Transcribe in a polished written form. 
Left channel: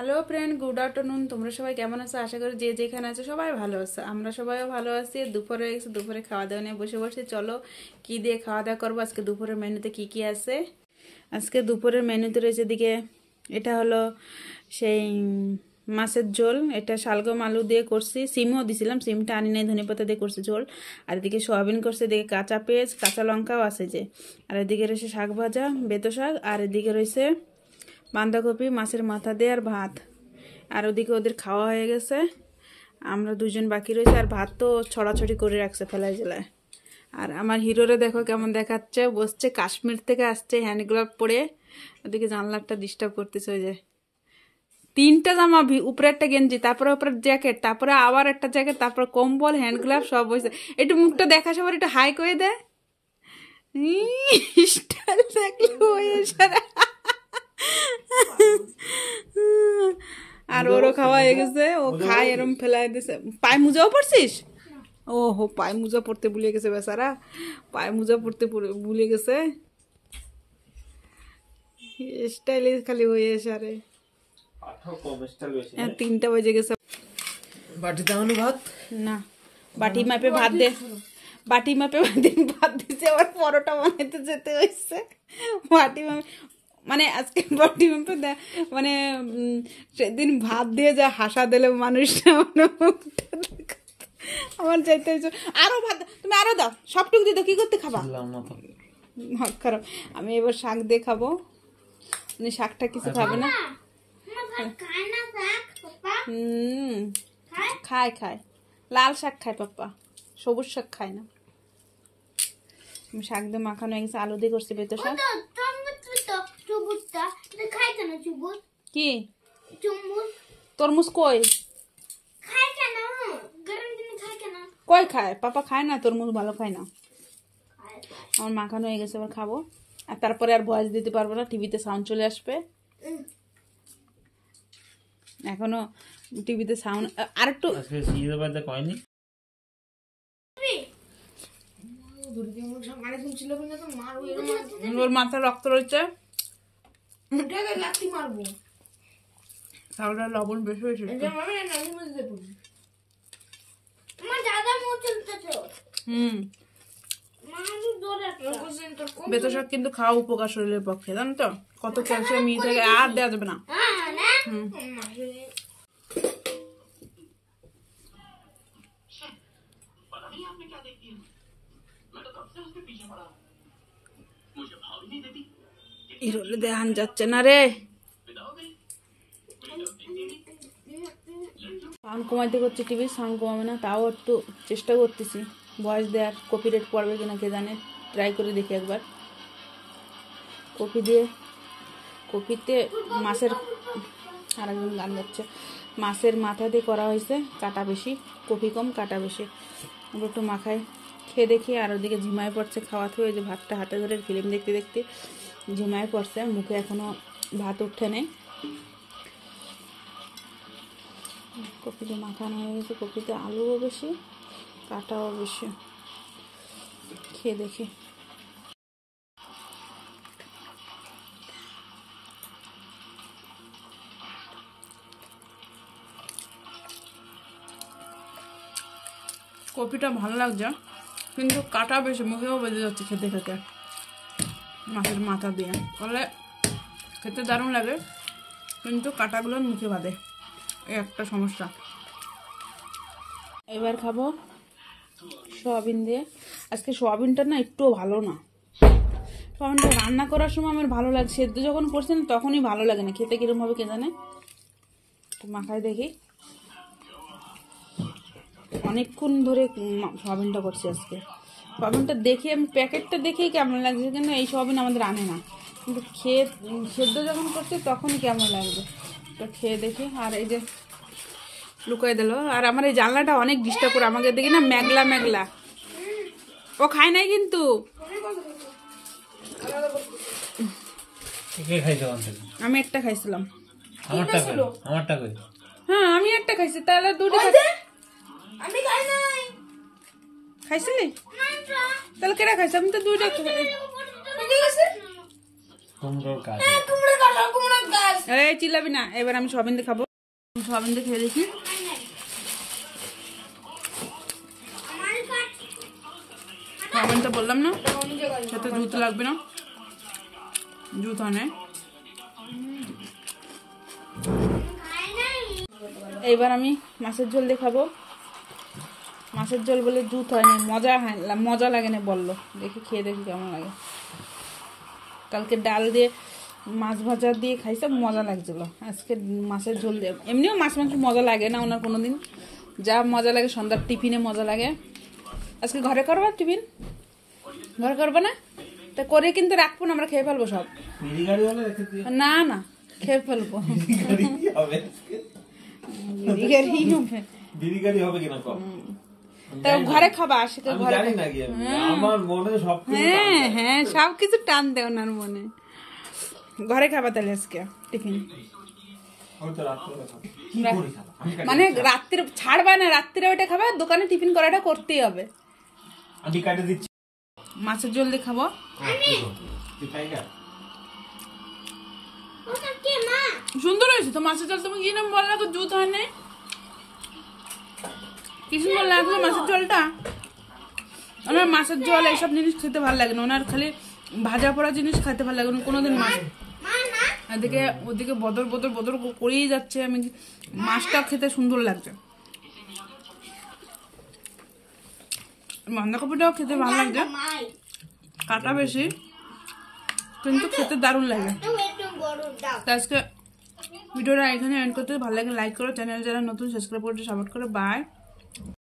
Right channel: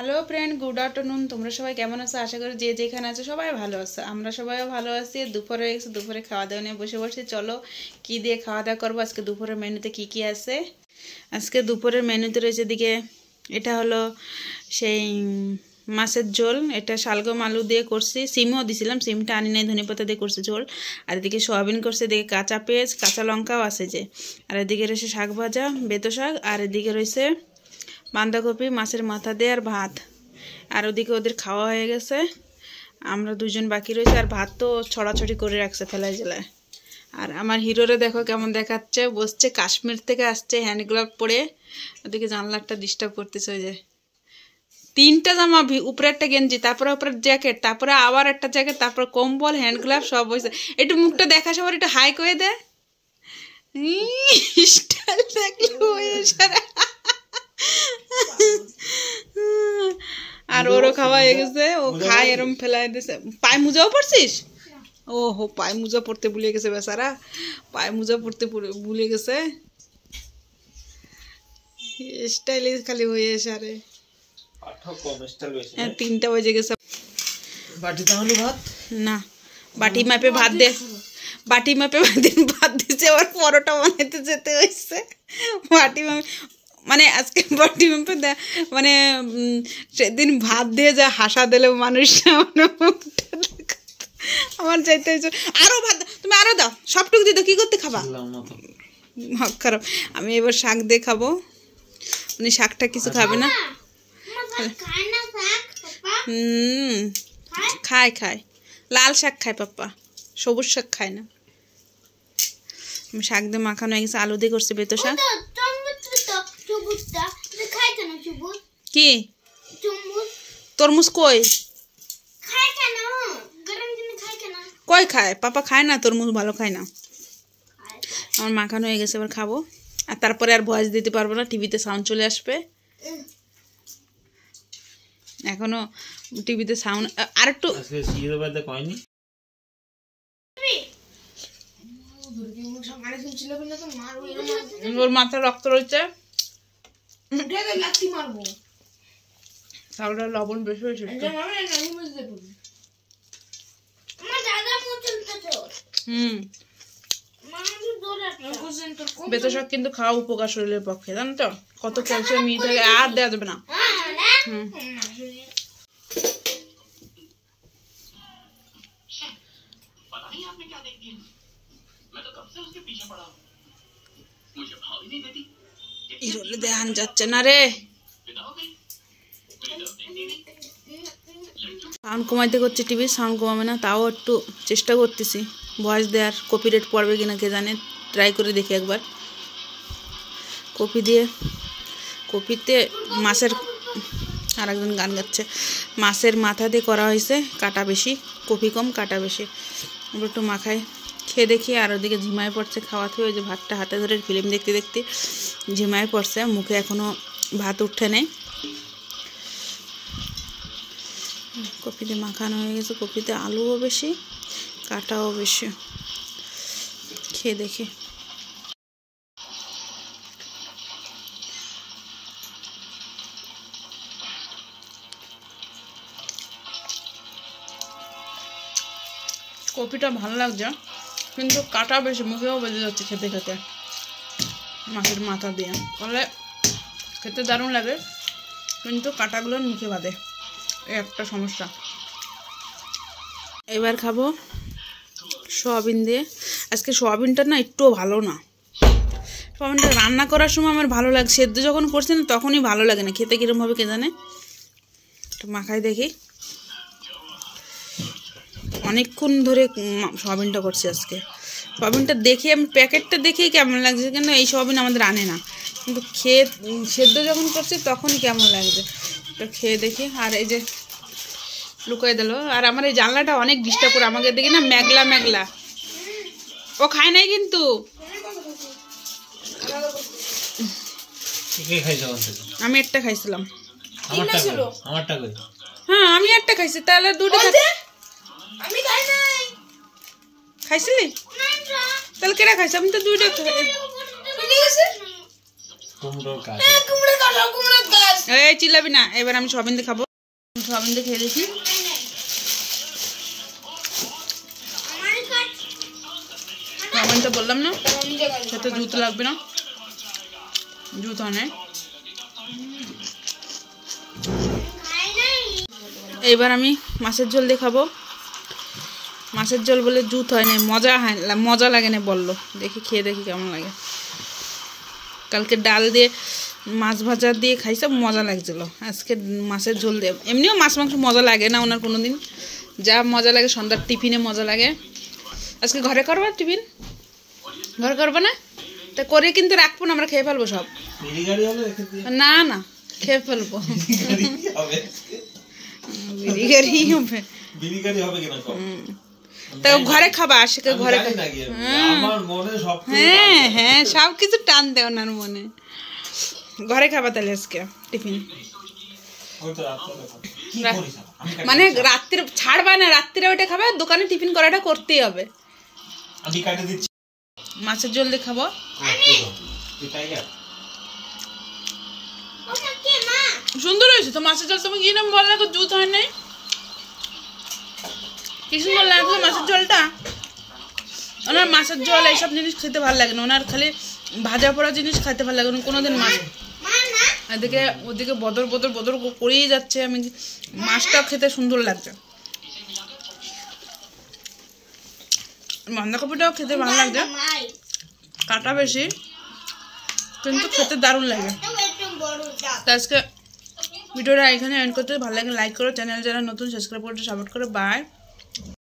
Hello friend, good afternoon. তোমরা সবাই কেমন আছো? আশা করি যে যেখানে আছো সবাই ভালো আছো। আমরা সবাইও ভালো আছি। দুপুরে হয়ে গেছে, দুপুরে খাওয়া দাওয়া নিয়ে বসে বসে। চলো কি দিয়ে খাওয়া দাওয়া করবো, আজকে দুপুরের মেনুতে কি কি আছে। আজকে দুপুরের মেনুতে রয়েছে দিকে, এটা হলো সেই মাছের ঝোল। এটা শালগম আলু দিয়ে করছি, সিমও দিছিলাম, সিমটা আনি নাই, ধনেপাতা দিয়ে করছি ঝোল। আর এদিকে সোয়াবিন করছে, এদিকে কাঁচা পেঁয়াজ কাঁচা লঙ্কাও আছে যে। আর এদিকে রয়েছে শাক ভাজা, বেতো শাক। আর এদিকে রয়েছে বাঁধাকপি, মাছের মাথা দিয়ে আর ভাত। আর ওদিকে ওদের খাওয়া হয়ে গেছে, আমরা দুজন বাকি রয়েছে। আর ভাত তো ছড়াছড়ি করে রাখছে ফেলায় জেলায়। আর আমার হিরোরে দেখো কেমন দেখাচ্ছে, বসছে, কাশ্মীর থেকে আসছে হ্যান্ড গ্লাভ পরে। ওদিকে জানলাটা ডিস্টার্ব করতেছে। ওই যে তিনটা জামা, উপরে একটা গেঞ্জি, তারপরে উপরে জ্যাকেট, তারপরে আবার একটা জ্যাকেট, তারপরে কম্বল, হ্যান্ড গ্লাভ সব হয়েছে। একটু মুখটা দেখা সবার একটু হাই করে দেয়, স্টাইল দেখলে হয়ে সারা। আর ওরও খাওয়া হয়ে গেছে, ও খায় এরম ফেলাই দিছে। পায়ে মোজাও পড়ছিস? ও হো, পায়ে মোজা পড়তে ভুলে গেছে বেচারা, পায়ে মোজা পড়তে ভুলে গেছে। স্টাইলে খালি হয়ে সারে। 3টা বেজে গেছে। না, বাটি মাপে ভাত দে, বাটি মাপে ভাত দিচ্ছে। আবার পরোটা বানাইতে যেতে হয়েছে বাটি মাপে, মানে আজকে বাটি মাপে মানে সেদিন ভাত দিয়ে যা হাসা দিলে মানুষটা, মানে আমার চাইতে হয়েছে আরো ভাত। তুমি আরো দাও, সবটুকু দিয়ে দাও। কি করতে খাবা? খারাপ। আমি এবার শাক দিয়ে খাবো, উনি শাকটা কিছু খাবে না। খায় খায়, লাল শাক খায় পাপ্পা, সবুজ শাক খায় না। শাক দিয়ে মাখানো হয়ে গেছে, আলু দিয়ে করছে বেতো শাক। কি তরমুজ কই কই খায়? পাপা খায় না তরমুজ, ভালো খায় না। আমার মাখানো হয়ে গেছে, এবার খাবো। আর তারপরে আর ভয়েস দিতে পারবো না, টিভিতে সাউন্ড চলে আসবে। এখনো টিভিতে সাউন্ড আর একটু। ওর মাথায় রক্ত রয়েছে, তাহলে লবণ বেশি হয়েছে। বেতো শাক কিন্তু খাওয়া উপকার শরীরের পক্ষে, জানো তো? কত ক্যালসিয়াম ই থাকে, আর দেওয়া যাবে না। দেখান যাচ্ছে না রে, সাউন্ড কমাইতে করছে, টিভির সাউন্ড কমাবে না। তাও একটু চেষ্টা করতেছি ভয়েস দেওয়ার। কপিরাইট পড়বে কিনা কে জানে, ট্রাই করে দেখি একবার। কপি দিয়ে, কপিতে মাছের, আর একজন গান গাচ্ছে, মাছের মাথা দিয়ে করা হয়েছে, কাটা বেশি, কপি কম কাটা বেশি। আমরা একটু মাখায় খেয়ে দেখি। আর ওদিকে ঝিমায় পড়ছে খাওয়া থেকে, ওই যে ভাতটা হাতে ধরে ফিল্ম দেখতে দেখতে ঝিমায় পড়ছে, মুখে এখনও ভাত উঠে নেই। কপিতে মাখানো হয়ে গেছে, কপিতে আলুও বেশি, কাটাও বেশি। খেয়ে দেখি। কপিটা ভালো লাগছে, কিন্তু কাটা বেশি, মুখেও বেজে যাচ্ছে খেতে খেতে। মাছের মাথা দিয়ে করলে খেতে দারুণ লাগে, কিন্তু কাটাগুলোর মুখে বাঁধে, এই একটা সমস্যা। এবার খাবো সোয়াবিন দিয়ে। আজকে সোয়াবিনটা না একটুও ভালো না। সোয়াবিনটা রান্না করার সময় আমার ভালো লাগে, সেদ্ধ যখন করছে না তখনই ভালো লাগে না, খেতে কিরমভাবে কে জানে। একটু মাখাই দেখি। অনেকক্ষণ ধরে সোয়াবিনটা করছি আজকে। সোয়াবিনটা দেখে, আমি প্যাকেটটা দেখেই কেমন লাগছে, কিন্তু এই সোয়াবিন আমাদের আনে না, কিন্তু খেয়ে সেদ্ধ যখন করছে তখনই কেমন লাগছে। তো খেয়ে দেখি। আর এই যে লুকাই দিল। আর আমার এই জানলাটা অনেক ডিস্টার্ব করে, আমাকে দেখি না মেঘলা মেঘলা। ও খায় নাই কিন্তু, আমি একটা খাইছিলাম। হ্যাঁ আমি একটা খাইছি, তাহলে দুটো খাইছিলি? তাহলে কেটা খাইছি? আমি তো দুইটা এই চিল্লাবি না। এবার আমি সয়াবিন দিয়ে খাবো। সয়াবিন দিয়ে খেয়ে দেখি। সয়াবিন তো বললাম না খেতে জুত লাগবে না, জুত হয় না। এবার আমি মাছের ঝোল দিয়ে খাবো। মাছের ঝোল বলে জুত হয় না, মজা লাগে না বললো। দেখি খেয়ে দেখি কেমন লাগে। কালকে ডাল দিয়ে মাছ ভাজা দিয়ে খাইছে, মজা লাগছিল। আজকে মাছের ঝোল দিয়ে, এমনিও মাছ মাংস মজা লাগে না ওনার কোনো দিন, যা মজা লাগে সন্ধ্যার টিফিনে মজা লাগে। আজকে ঘরে করবা টিফিন? ঘরে করবো না? তা করে কিন্তু রাখবো না, আমরা খেয়ে ফেলবো সব। না না খেয়ে ফেলবো। তা ঘরে খাবা, আশিকে ঘরে। হ্যাঁ হ্যাঁ সব কিছু টান দেয় ওনার মনে। ঘরে খাবা তাহলে আজকে টিফিন? মানে রাত্রে ছাড়বা না, রাত্রে ওইটা খাবে, দোকানে টিফিন করাটা করতেই হবে। মাছের ঝোল দিয়ে খাবো। সুন্দর হয়েছে তো মাছের ঝোল। তুমি কি নাম বললে জুত হয় নাই? কি সুন্দর লাগলো মাছের ঝোলটা। ওনার মাছের ঝোল এইসব জিনিস খেতে ভালো লাগে না, ওনার খালি ভাজা পোড়া জিনিস খাইতে ভালো লাগে না কোনোদিন। মাছ এদিকে ওদিকে বদর বদর বদর করেই যাচ্ছে। আমি মাছটাও খেতে সুন্দর লাগছে, বাঁধাকপিটাও খেতে ভালো লাগছে, কাটা বেশি কিন্তু খেতে দারুণ লাগে। তো আজকে ভিডিওটা এখানে এন্ড করতে, ভালো লাগে লাইক করো, চ্যানেল যারা নতুন সাবস্ক্রাইব করতে সাপোর্ট করো। বাই।